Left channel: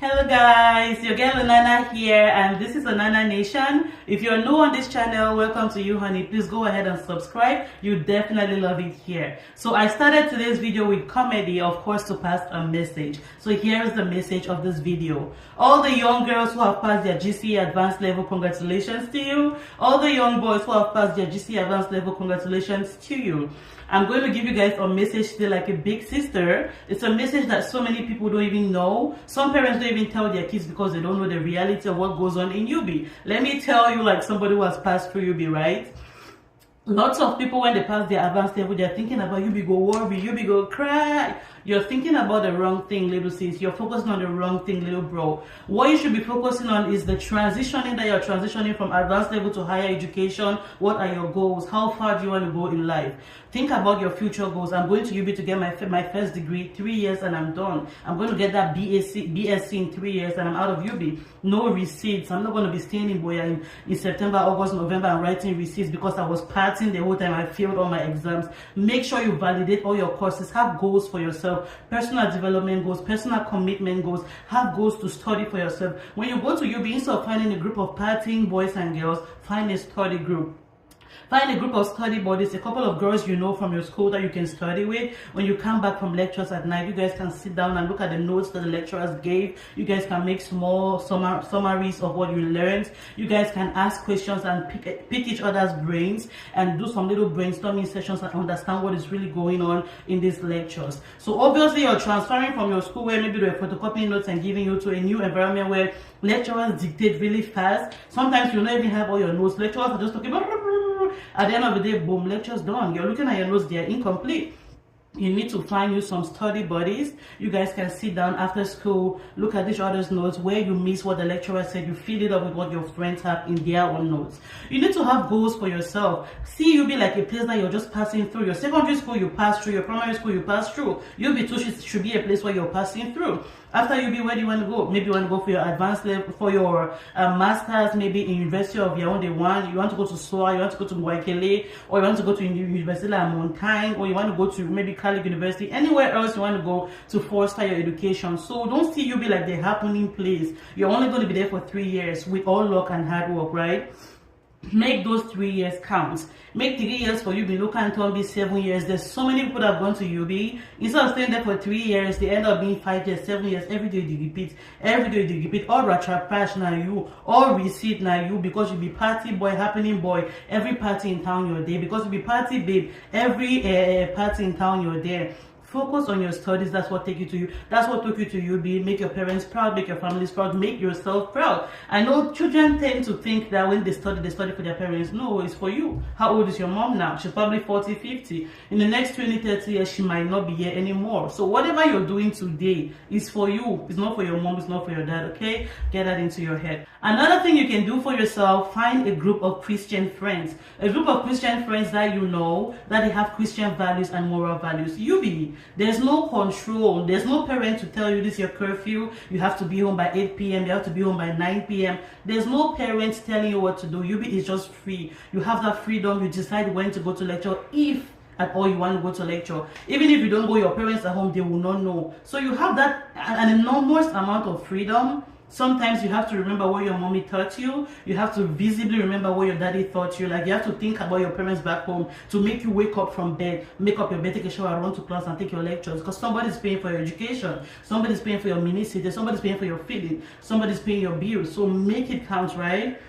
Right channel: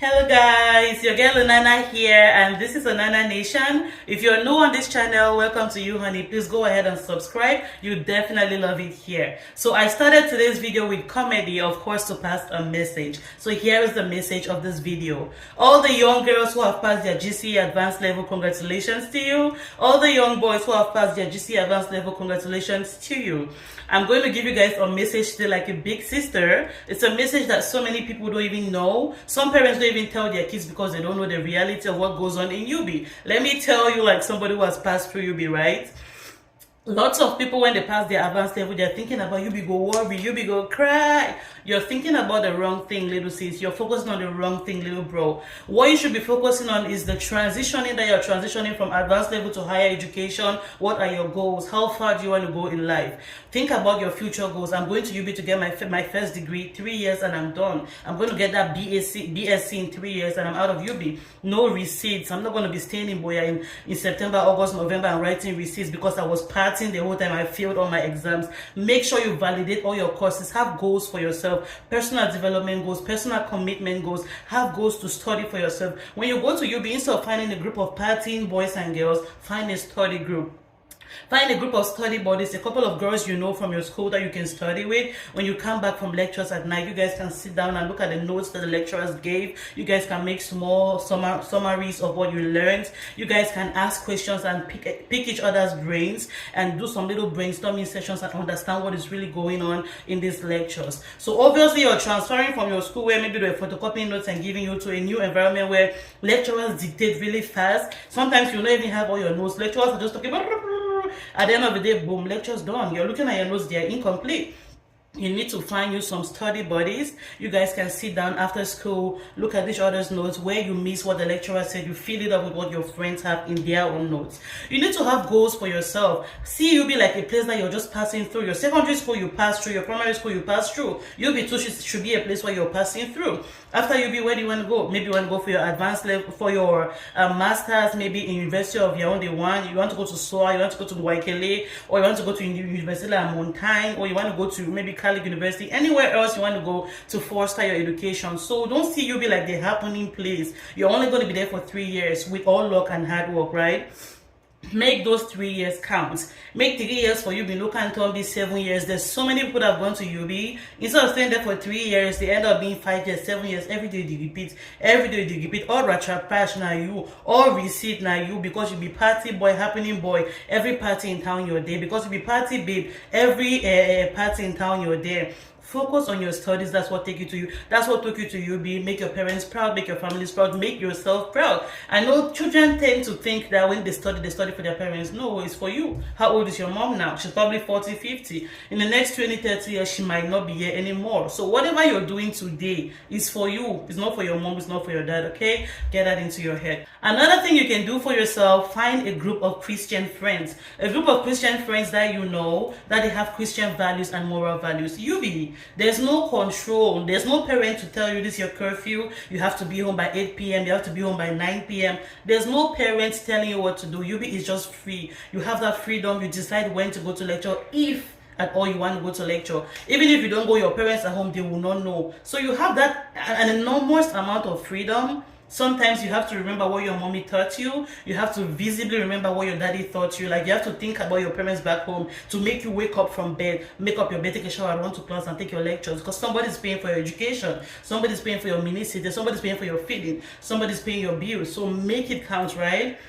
Hello guys, your girl Onana here, and this is Onana Nation. If you're new on this channel, welcome to you, honey. Please go ahead and subscribe. You definitely love it here. So I started today's video with comedy, of course, to pass a message. So here is the message of this video. All the young girls who have passed their GCE advanced level, congratulations to you. All the young boys who have passed their GCE advanced level, congratulations to you. I'm going to give you guys a message today like a big sister. It's a message that so many people don't even know. Some parents don't even tell their kids because they don't know the reality of what goes on in UB. Let me tell you, like somebody who has passed through UB, right? Lots of people, when they pass their advanced level, they're thinking about UB go worry, UB go cry. You're thinking about the wrong thing, little sis. You're focusing on the wrong thing, little bro. What you should be focusing on is the transitioning, that you're transitioning from advanced level to higher education. What are your goals? How far do you want to go in life? Think about your future goals. I'm going to UB to get my first degree, 3 years, and I'm done. I'm going to get that BSc in 3 years, and I'm out of UB. No receipts. I'm not going to be staying in Buea in September, August, November, and writing receipts because I was partying the whole time. I failed all my exams. Make sure you validate all your courses. Have goals for yourself. Personal development goals, personal commitment goals. Have goals to study for yourself. When you go to UB, instead of finding a group of partying boys and girls, find a study group. Find a group of study buddies, a couple of girls you know from your school that you can study with. When you come back from lectures at night, you guys can sit down and look at the notes that the lecturers gave. You guys can make small summaries of what you learned. You guys can ask questions and pick each other's brains and do some little brainstorming sessions and understand what is really going on in these lectures. So obviously you're transferring from your school where maybe they're photocopying notes and giving you to a new environment where lecturers dictate really fast. Sometimes you don't even have all your notes. Lecturers are just talking about. At the end of the day, boom, lecture's done. You're looking at your notes, they're incomplete. You need to find you some study buddies. You guys can sit down after school, look at each other's notes, where you miss what the lecturer said, you fill it up with what your friends have in their own notes. You need to have goals for yourself. See UB like a place that you're just passing through. Your secondary school you pass through, your primary school you pass through. UB too should be a place where you're passing through. After UB, where do you want to go? Maybe you want to go for your advanced level, for your masters, maybe in University of Yaoundé you want to go to SOA, you want to go to Waikele, or you want to go to University of Montaigne, or you want to go to maybe Cali University, anywhere else you want to go to foster your education. So don't see UB like the happening place. You're only going to be there for 3 years with all luck and hard work, right? Make those 3 years count. Make 3 years for UB. No can't be 7 years. There's so many people that have gone to UB. Instead of staying there for 3 years, they end up being 5 years, 7 years. Every day they repeat. Every day they repeat. All ratrapash now you. All receipt now you. Because you be party boy, happening boy. Every party in town you're there. Because you be party babe. Every party in town you're there. Focus on your studies. That's what take you to you. That's what took you to UB. Make your parents proud, make your families proud, make yourself proud. I know children tend to think that when they study for their parents. No, it's for you. How old is your mom now? She's probably 40, 50. In the next 20, 30 years, she might not be here anymore. So whatever you're doing today is for you. It's not for your mom, it's not for your dad, okay? Get that into your head. Another thing you can do for yourself, find a group of Christian friends. A group of Christian friends that you know, that they have Christian values and moral values. UB. There's no control. There's no parent to tell you this is your curfew. You have to be home by 8 p.m. You have to be home by 9 p.m. There's no parents telling you what to do. UB is just free. You have that freedom. You decide when to go to lecture, if at all you want to go to lecture. Even if you don't go, your parents at home, they will not know. So you have that an enormous amount of freedom. Sometimes you have to remember what your mommy taught you. You have to visibly remember what your daddy taught you. Like you have to think about your parents back home to make you wake up from bed, make up your bed, take a shower, run to class and take your lectures. Because somebody's paying for your education. Somebody's paying for your mini-city. Somebody's paying for your feeding. Somebody's paying your bills. So make it count, right?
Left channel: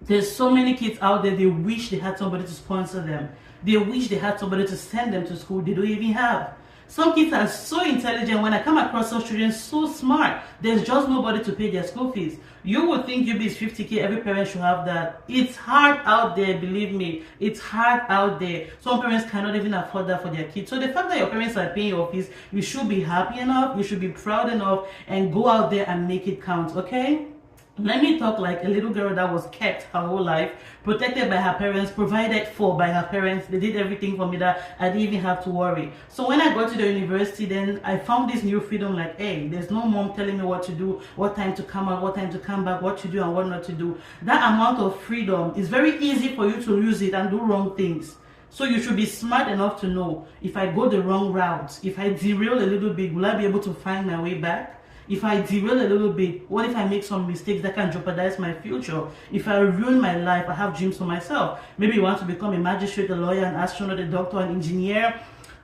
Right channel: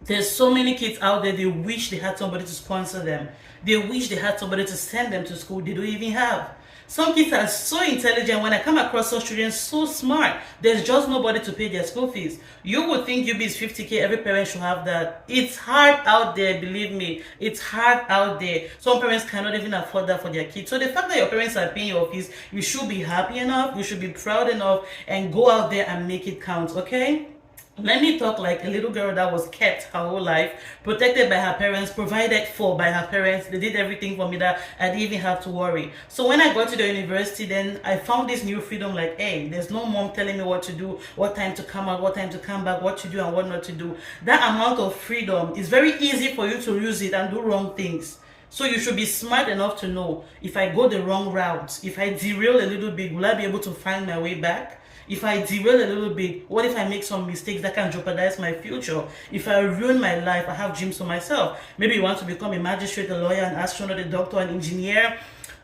There's so many kids out there, they wish they had somebody to sponsor them. They wish they had somebody to send them to school. They don't even have. Some kids are so intelligent. When I come across such children, so smart, there's just nobody to pay their school fees. You would think UB is 50K, every parent should have that. It's hard out there, believe me. It's hard out there. Some parents cannot even afford that for their kids. So the fact that your parents are paying your fees, you should be happy enough, you should be proud enough, and go out there and make it count, okay? Let me talk like a little girl that was kept her whole life, protected by her parents, provided for by her parents. They did everything for me that I didn't even have to worry. So when I got to the university, then I found this new freedom, like, hey, there's no mom telling me what to do, what time to come out, what time to come back, what to do and what not to do. That amount of freedom is very easy for you to use it and do wrong things. So you should be smart enough to know, if I go the wrong route, if I derail a little bit, will I be able to find my way back? If I derail a little bit, what if I make some mistakes that can jeopardize my future? If I ruin my life, I have dreams for myself. Maybe you want to become a magistrate, a lawyer, an astronaut, a doctor, an engineer,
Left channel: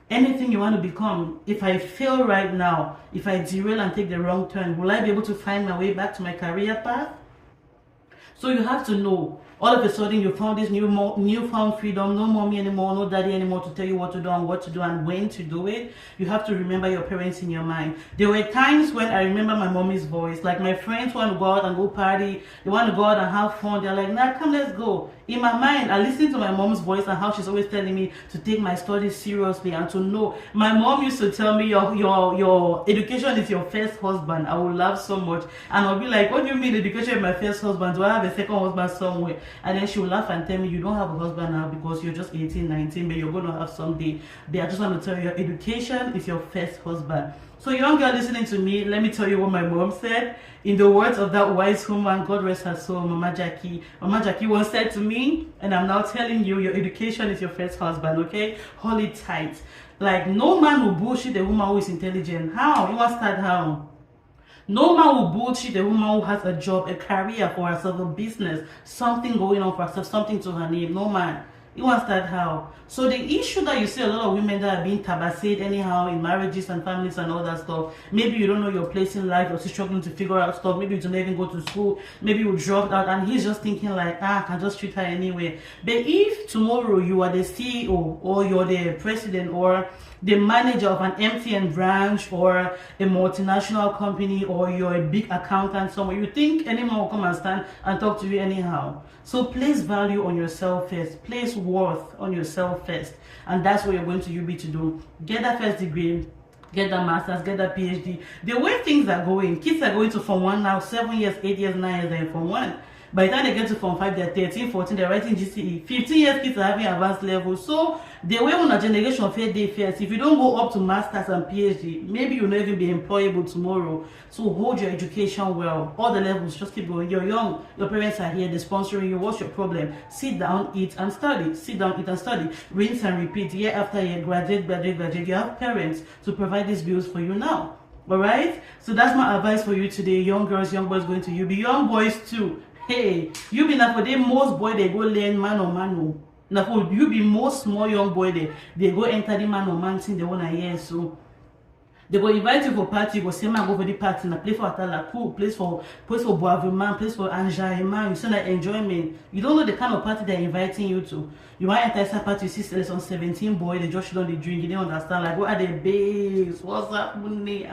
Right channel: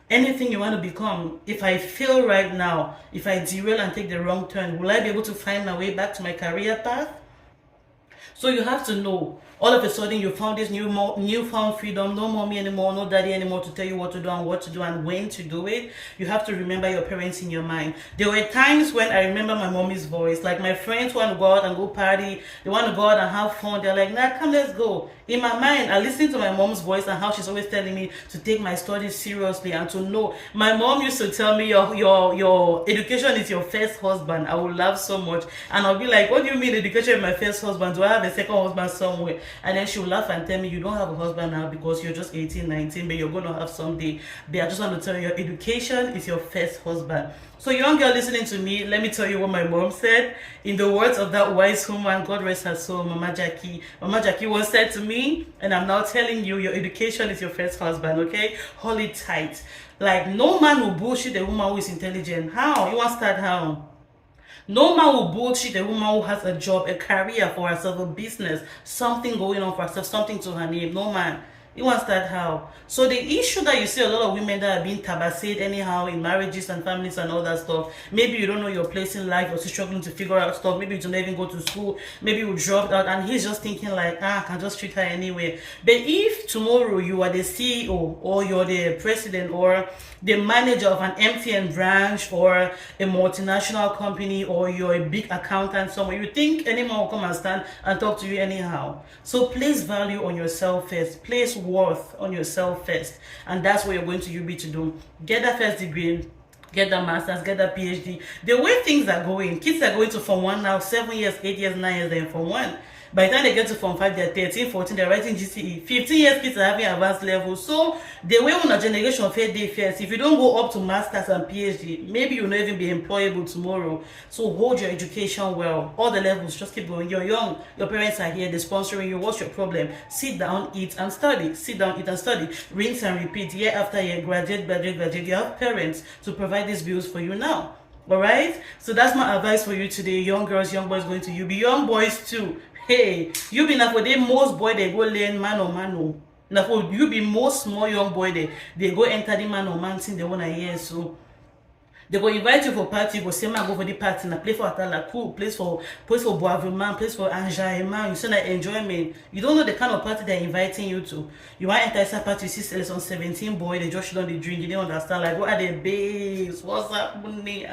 anything you want to become. If I fail right now, if I derail and take the wrong turn, will I be able to find my way back to my career path? So you have to know, all of a sudden you found this newfound freedom, no mommy anymore, no daddy anymore to tell you what to do and what to do and when to do it. You have to remember your parents in your mind. There were times when I remember my mommy's voice. Like my friends want to go out and go party, they want to go out and have fun. They're like, nah, come, let's go. In my mind, I listen to my mom's voice and how she's always telling me to take my studies seriously and to know. My mom used to tell me your education is your first husband. I would laugh so much. And I'll be like, what do you mean education is my first husband? Do I have a second husband somewhere? And then she'll laugh and tell me, you don't have a husband now because you're just 18, 19, but you're going to have someday. But I just want to tell you, your education is your first husband. So young girl listening to me, let me tell you what my mom said. In the words of that wise woman, God rest her soul, Mama Jackie. Mama Jackie once said to me, and I'm now telling you, your education is your first husband, okay? Hold it tight. Like, no man will bullshit a woman who is intelligent. How? You want to start how? No man will bullshit a woman who has a job, a career for herself, a business, something going on for herself, something to her name. No man. You want to start how? So the issue that you see a lot of women that are being tabased anyhow in marriages and families and all that stuff, maybe you don't know your place in life, you're still struggling to figure out stuff, maybe you don't even go to school, maybe you dropped out, and he's just thinking like, I can just treat her anyway. But if tomorrow you are the CEO or you're the president or the manager of an MTN branch or a multinational company, or you're a big accountant somewhere, you think anyone will come and stand and talk to you anyhow. So place value on yourself first. Place worth on yourself first. And that's what you're going to UB to do. Get that first degree, get that master's, get that PhD. The way things are going, kids are going to Form 1 now, 7 years, 8 years, 9 years, they're in Form 1. By the time they get to Form 5, they're 13, 14, they're writing GCE. 15 years, kids are having advanced levels. So, the way on a generation fair day first, if you don't go up to Masters and PhD, maybe you'll not even be employable tomorrow. So, hold your education well. All the levels, just keep going. You're young, your parents are here, they're sponsoring you. What's your problem? Sit down, eat, and study. Sit down, eat, and study. Rinse and repeat, year after year, graduate. You have parents to provide these bills for you now. Alright? So, that's my advice for you today. Young girls, young boys going to UB. Young boys too. Hey, you be now for the most boy they go learn man or mano. Now for you be most small young boy they go enter the man or man thing they wanna hear. So they go invite you for party, you go say man go for the party, na play for Atala, cool, place for Boisville, place for Anjaïman, you say that enjoyment. You don't know the kind of party they're inviting you to. You want to enter that party, you see some 17 boy, they just don't drink, you don't understand. Like, what are the babes? What's happening?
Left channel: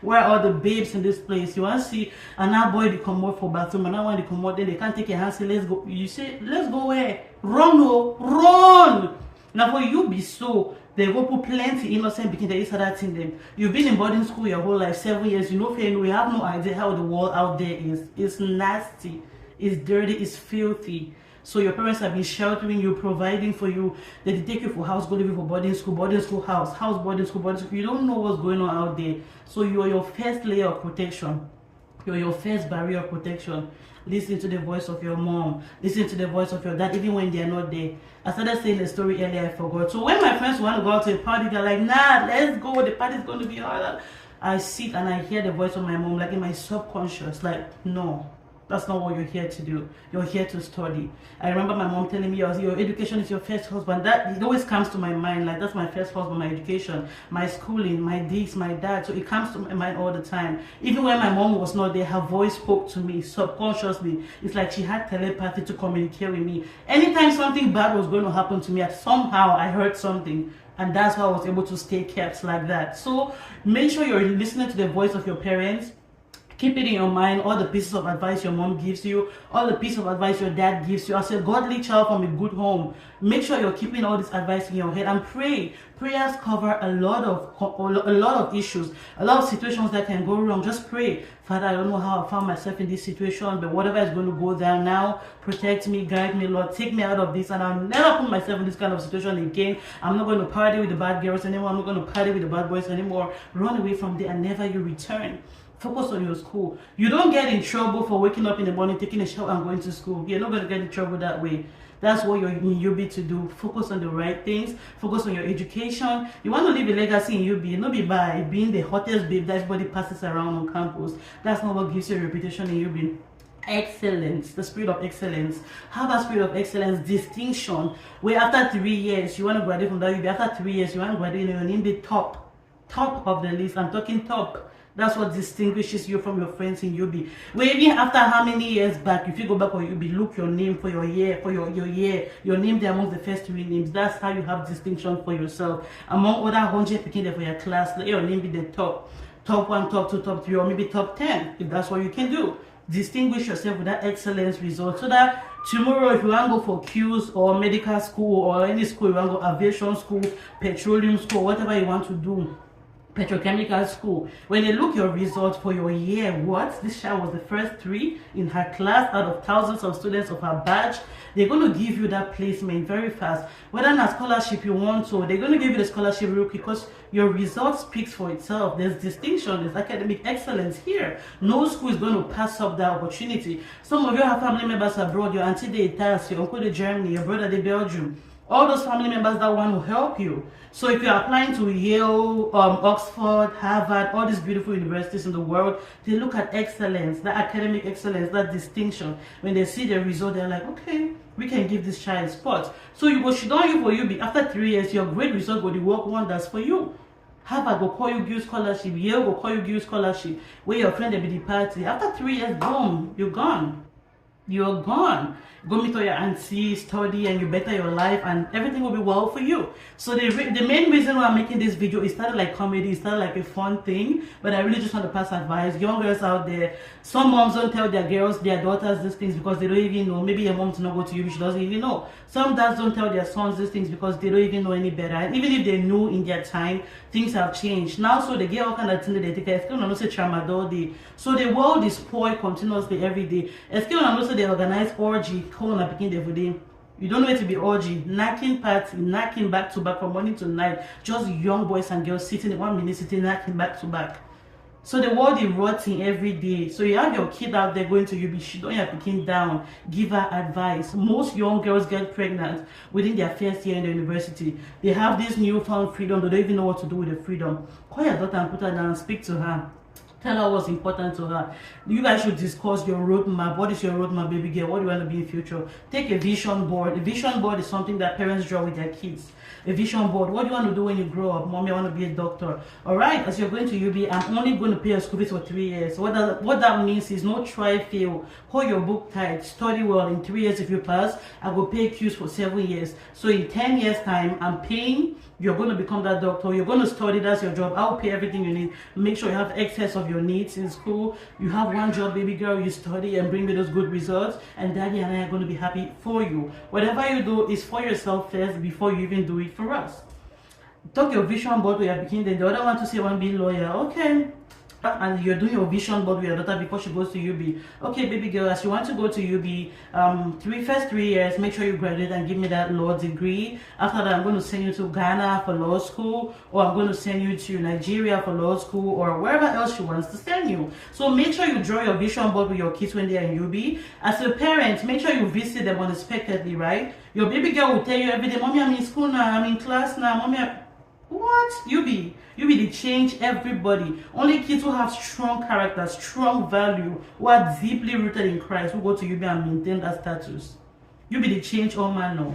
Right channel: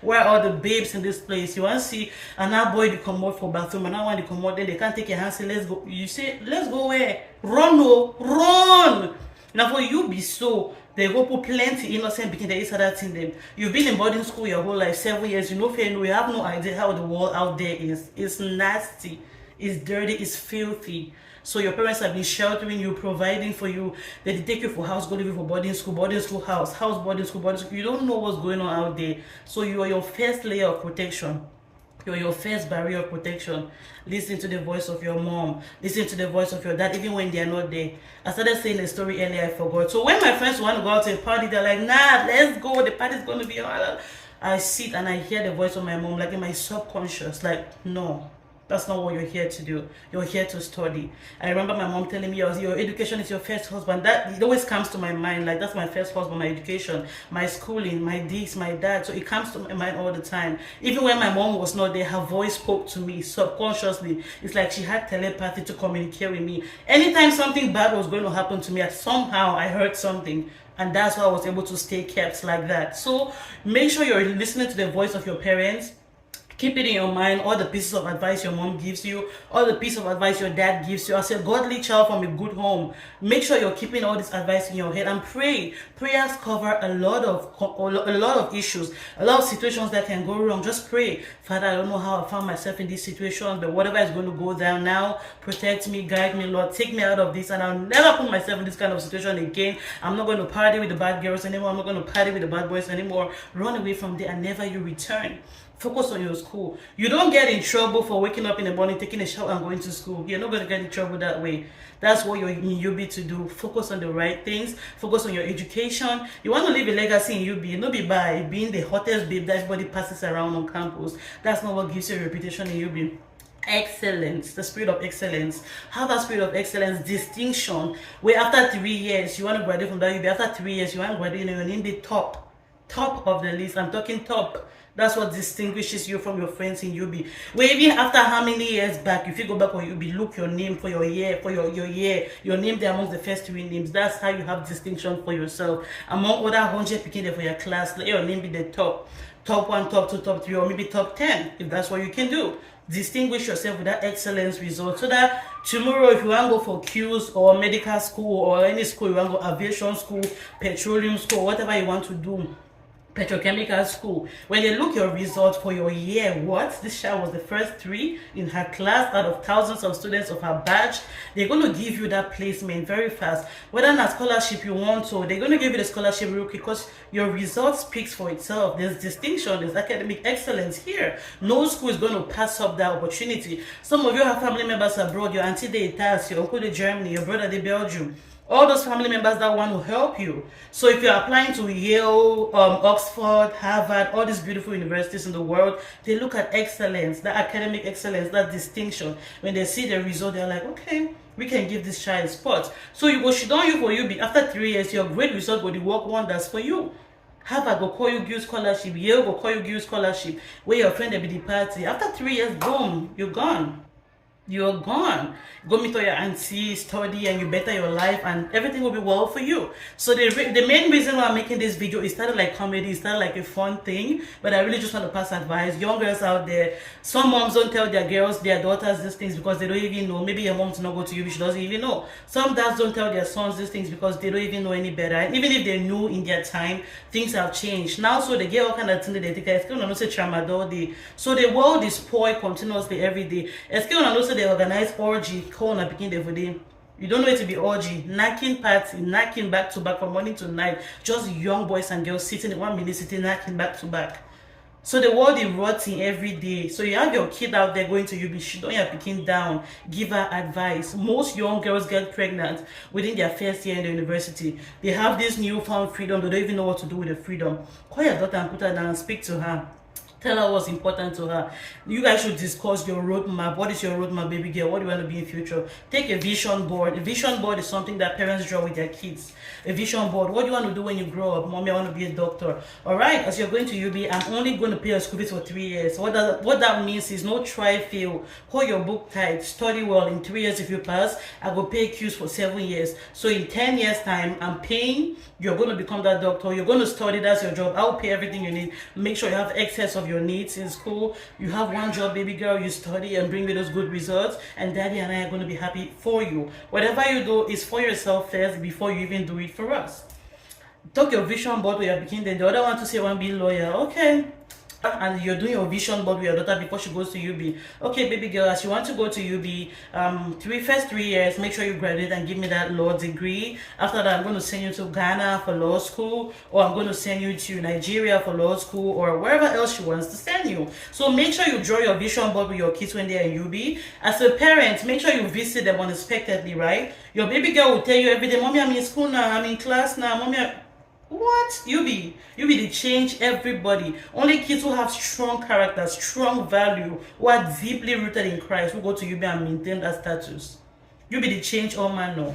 Where are all the babes in this place? You want to see another boy they come out for bathroom, another one they come out there, they can't take your hand, say, let's go. You say, let's go where? Run, no, run! Now for you be so, they go put plenty innocent because there is other thing them. You've been in boarding school your whole life, 7 years, you know, you have no idea how the world out there is. It's nasty, it's dirty, it's filthy. So your parents have been sheltering you, providing for you. They take you for house, go live for boarding school, house, boarding school. You don't know what's going on out there. So you are your first layer of protection. You're your first barrier of protection. Listen to the voice of your mom. Listen to the voice of your dad, even when they're not there. I started saying a story earlier, I forgot. So when my friends want to go out to a party, they're like, nah, let's go. The party's going to be hard. I sit and I hear the voice of my mom, like in my subconscious, like, no. That's not what you're here to do. You're here to study. I remember my mom telling me, your education is your first husband. That it always comes to my mind. Like, that's my first husband, my education, my schooling, my this, my dad. So it comes to my mind all the time. Even when my mom was not there, her voice spoke to me subconsciously. It's like she had telepathy to communicate with me. Anytime something bad was going to happen to me, somehow I heard something. And that's how I was able to stay kept like that. So make sure you're listening to the voice of your parents. Keep it in your mind, all the pieces of advice your mom gives you, all the pieces of advice your dad gives you. As a godly child from a good home, make sure you're keeping all this advice in your head and pray. Prayers cover a lot of issues, a lot of situations that can go wrong. Just pray. Father, I don't know how I found myself in this situation, but whatever is going to go down now, protect me, guide me, Lord. Take me out of this, and I'll never put myself in this kind of situation again. I'm not going to party with the bad girls anymore. I'm not going to party with the bad boys anymore. Run away from there and never you return. Focus on your school. You don't get in trouble for waking up in the morning, taking a shower and going to school. You're not going to get in trouble that way. That's what you're in UB to do. Focus on the right things. Focus on your education. You want to leave a legacy in UB. Not be by being the hottest babe that everybody passes around on campus. That's not what gives you a reputation in UB. Excellence, the spirit of excellence. Have that spirit of excellence, distinction. Where after 3 years you want to graduate from that UB. After 3 years you want to graduate and you're in the top of the list. I'm talking top. That's what distinguishes you from your friends in UB. Where even after how many years back, if you go back on UB, look your name for your year, your name there amongst the first 3 names. That's how you have distinction for yourself. Among other 100 people there for your class, let your name be the top 1, top 2, top 3, or maybe top 10, if that's what you can do. Distinguish yourself with that excellence result, so that tomorrow if you want to go for Qs or medical school or any school, you want to go aviation school, petroleum school, whatever you want to do, petrochemical school, when they look your results for your year, this child was the first 3 in her class out of thousands of students of her batch, they're going to give you that placement very fast. Whether not scholarship you want, so they're going to give you the scholarship real quick, because your result speaks for itself. There's distinction, there's academic excellence here. No school is going to pass up that opportunity. Some of you have family members abroad, your auntie they Italy, your uncle they Germany, your brother they Belgium. All those family members that want to help you. So if you're applying to Yale, Oxford, Harvard, all these beautiful universities in the world, they look at excellence, that academic excellence, that distinction. When they see the result, they're like, okay, we can give this child spot. So you go shit on you for UB. After 3 years, your great result will work wonders for you. Harvard will call you give scholarship. Yale will call you give scholarship. Where your friend will be the party. After 3 years, boom, you're gone. You're gone. Go meet all your auntie, study, and you better your life, and everything will be well for you. So the main reason why I'm making this video, it started like comedy, it started like a fun thing, but I really just want to pass advice. Young girls out there, some moms don't tell their girls, their daughters these things because they don't even know. Maybe your mom does not go to you, she doesn't even know. Some dads don't tell their sons these things because they don't even know any better. And even if they knew in their time, things have changed. Now, so they get all kind of things they take. It's going to say tramadol. So the world is spoiled continuously every day. It's going to say they organize orgy. You don't know it to be orgy, knacking party, knacking back to back from morning to night. Just young boys and girls sitting in 1 minute, sitting knacking back to back. So the world is rotting every day. So you have your kid out there going to UB, she don't have picking down, give her advice. Most young girls get pregnant within their first year in the university. They have this newfound freedom, but they don't even know what to do with the freedom. Call your daughter and put her down, speak to her. Tell her what's important to her. You guys should discuss your roadmap. What is your roadmap, baby girl? What do you want to be in future? Take a vision board. A vision board is something that parents draw with their kids. A vision board. What do you want to do when you grow up? Mommy, I want to be a doctor. All right, as you're going to UB, I'm only going to pay your school fees for 3 years. What that means is no try, fail. Hold your book tight. Study well. In 3 years, if you pass, I will pay Qs for 7 years. So in 10 years' time, I'm paying. You're going to become that doctor. You're going to study. That's your job. I'll pay everything you need. Make sure you have excess of your needs in school. You have one job, baby girl. You study and bring me those good results, and daddy and I are going to be happy for you. Whatever you do is for yourself first before you even do it for us. Talk your vision board with your beginning. The other one to say, I want to be a lawyer. Okay. And you're doing your vision board with your daughter before she goes to UB. Okay, baby girl, as you want to go to UB, first 3 years, make sure you graduate and give me that law degree. After that, I'm going to send you to Ghana for law school, or I'm going to send you to Nigeria for law school, or wherever else she wants to send you. So make sure you draw your vision board with your kids when they're in UB. As a parent, make sure you visit them unexpectedly, right? Your baby girl will tell you every day, Mommy, I'm in school now, I'm in class now, Mommy, what? UB they change everybody. Only kids who have strong character, strong value, who are deeply rooted in Christ, who go to UB and maintain that status. UB they change all man now.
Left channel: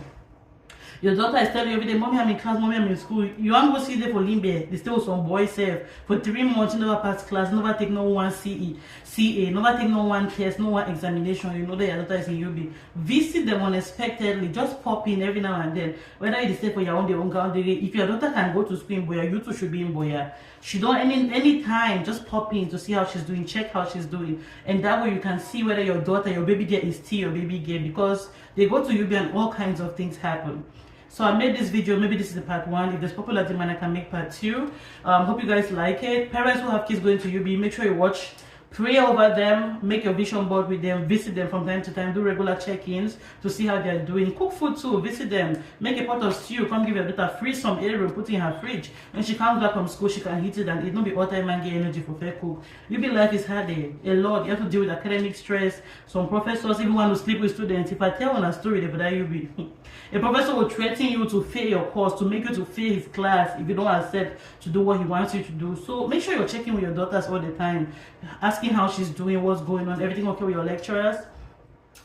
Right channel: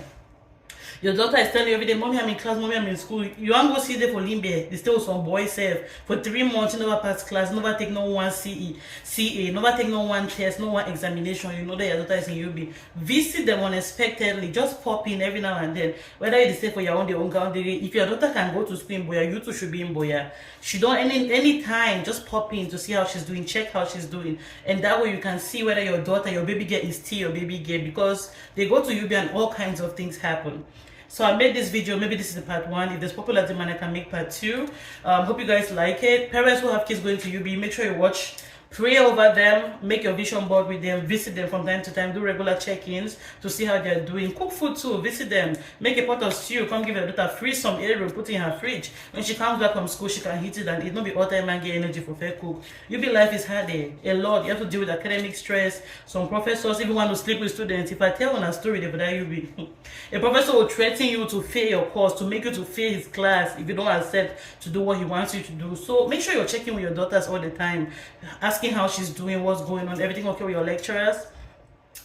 Your daughter is telling you every day, Mommy, I'm in class, Mommy, I'm in school. You want to go see them for Limbe. They stay with some boy self. For 3 months, you never pass class, never take no one CA, never take no one test, no one examination. You know that your daughter is in UB. Visit them unexpectedly. Just pop in every now and then. Whether you stay for your own country. If your daughter can go to school in Buea, you too should be in Buea. She don't any time, just pop in to see how she's doing, check how she's doing. And that way you can see whether your daughter, your baby girl is still your baby girl, because they go to UB and all kinds of things happen. So I made this video, maybe this is the part 1. If there's popular demand, I can make part 2. Hope you guys like it. Parents who have kids going to UB, make sure you watch Pray over them, make your vision board with them, visit them from time to time, do regular check-ins to see how they're doing. Cook food too, visit them, make a pot of stew, come give your daughter, freeze some area, put it in her fridge. When she comes back from school, she can heat it and it not be all time and get energy for fair cook. UB life is hard, a lot. You have to deal with academic stress. Some professors even want to sleep with students. If I tell on a story, they would UB. A professor will threaten you to fail your course, to make you to fail his class if you don't accept to do what he wants you to do. So make sure you're checking with your daughters all the time, asking how she's doing, what's going on, everything okay with your lecturers,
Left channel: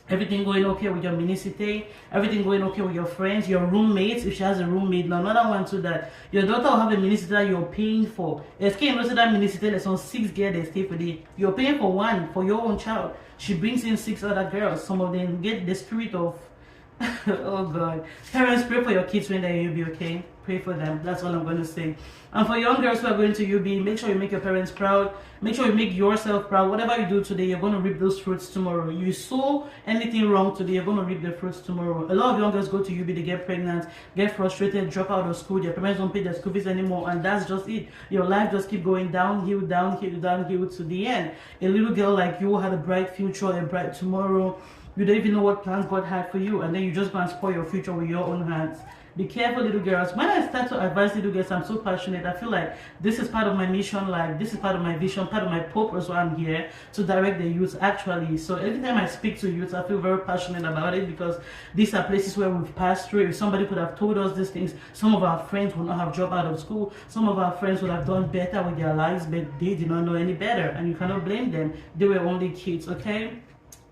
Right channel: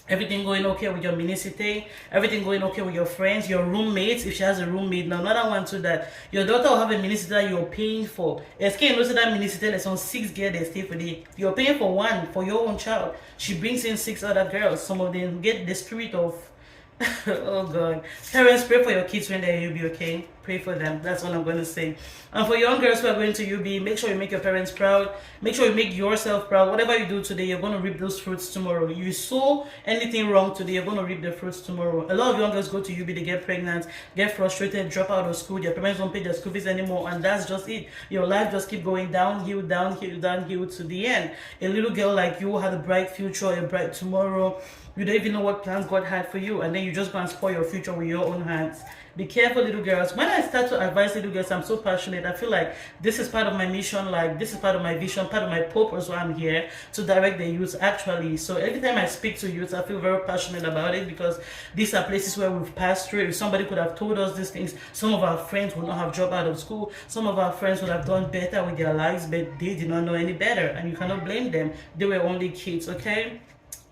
everything going okay with your minicite, everything going okay with your friends, your roommates, if she has a roommate. Now another one too, that your daughter will have a minicite that you're paying for. SK knows that minicite lesson 6 girls they stay for the, you're paying for one for your own child. She brings in 6 other girls. Some of them get the spirit of oh God. Parents, pray for your kids when they're in UB, okay? Pray for them. That's what I'm going to say. And for young girls who are going to UB, make sure you make your parents proud. Make sure you make yourself proud. Whatever you do today, you're going to reap those fruits tomorrow. You sow anything wrong today, you're going to reap the fruits tomorrow. A lot of young girls go to UB, they get pregnant, get frustrated, drop out of school. Their parents don't pay their school fees anymore, and that's just it. Your life just keep going downhill, downhill, downhill to the end. A little girl like you had a bright future, a bright tomorrow. You don't even know what plans God had for you, and then you just go and spoil your future with your own hands. Be careful, little girls. When I start to advise little girls, I'm so passionate. I feel like this is part of my mission, like this is part of my vision, part of my purpose why I'm here to direct the youth actually. So every time I speak to youth, I feel very passionate about it because these are places where we've passed through. If somebody could have told us these things, some of our friends would not have dropped out of school. Some of our friends would have done better with their lives, but they did not know any better. And you cannot blame them. They were only kids, okay?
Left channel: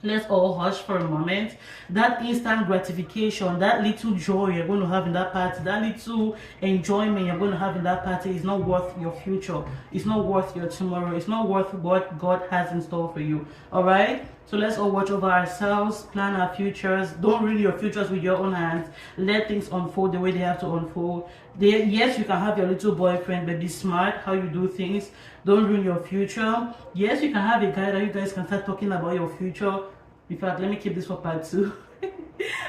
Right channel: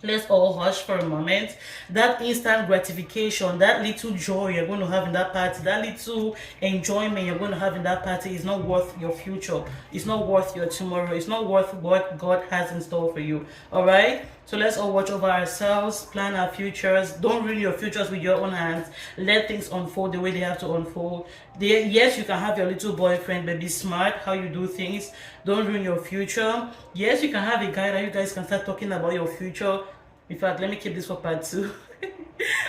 Let's all hush for a moment. That instant gratification, that little joy you're going to have in that party, that little enjoyment you're going to have in that party is not worth your future. It's not worth your tomorrow. It's not worth what God has in store for you. All right? So let's all watch over ourselves, plan our futures. Don't ruin your futures with your own hands. Let things unfold the way they have to unfold. Yes, you can have your little boyfriend, but be smart how you do things. Don't ruin your future. Yes, you can have a guy that you guys can start talking about your future. In fact, let me keep this for part 2.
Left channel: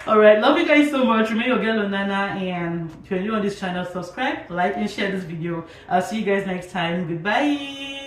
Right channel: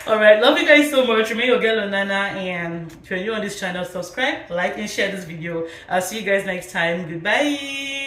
All right, love you guys so much. Remain your girl Onana, and if you're new on this channel, subscribe, like, and share this video. I'll see you guys next time. Goodbye.